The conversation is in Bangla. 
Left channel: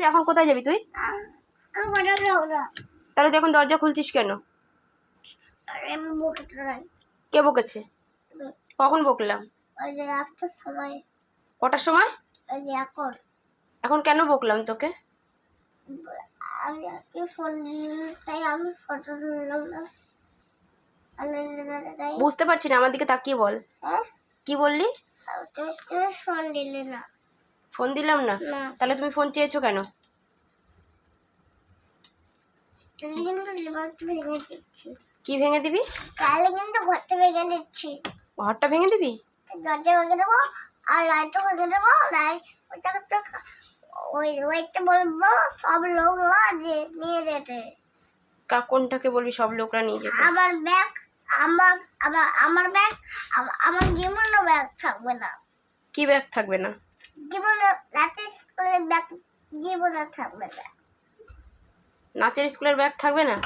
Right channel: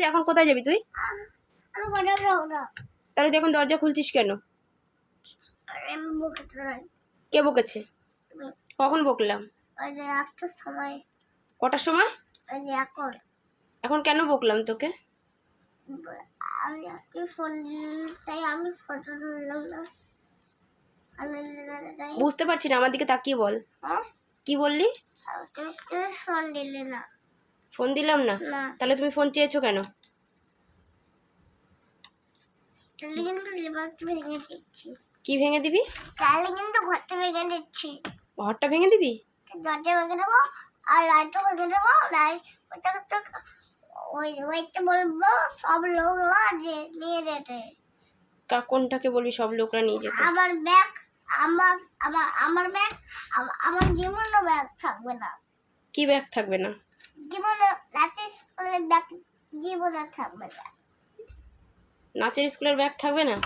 এসেছি, এখন কোথায় যাবি তুই? আমি কোথাও যাবো না। তাহলে তুই এখন দরজা খুলছিস কেন? আমি বকেতে নাই। কে বকেছে? কখন বকলাম? ওই যে একটার সময়। কটার সময়? ওই যে এখন। এখন কেন বকলাম তোকে? আমি আজকে ফোন দিলাম তাই আমি ফটো তুললাম না। বুঝতে পারছি না, আমার দিকে তাকিয়ে বল। হ্যাঁ? কি বললি? তুমি ফোন দিলে না। ফোন দিলাম না? না। তাহলে তুমি ফোন চেয়েছো কেন? তাহলে কিন্তু লিভারটা ভেঙে দিচ্ছি। কি ভেঙে দিবি? তাহলে কিন্তু ঘরটা ভেঙে দিচ্ছি। ঘরটা ভেঙে দিবি? দরজা ভেঙে দেবো আর লাইটও ভেঙে দেবো। লাইট ওইটা তো ওইটা বলবো সব লোকরা যে নিয়ে যেতে। কোনটাকে বলবি সব লোকরা নিয়ে যেতে? আমার ব্যাগ, আমার ব্যাগ, আমার জীবনও ব্যাগ থাকবে না। কি ব্যাগ থাকবে না? জীবনে রাতে স্কুলের ব্যাগ জীবনে থাকবে না। নাচের স্কুলের ব্যাগ থাকবে না?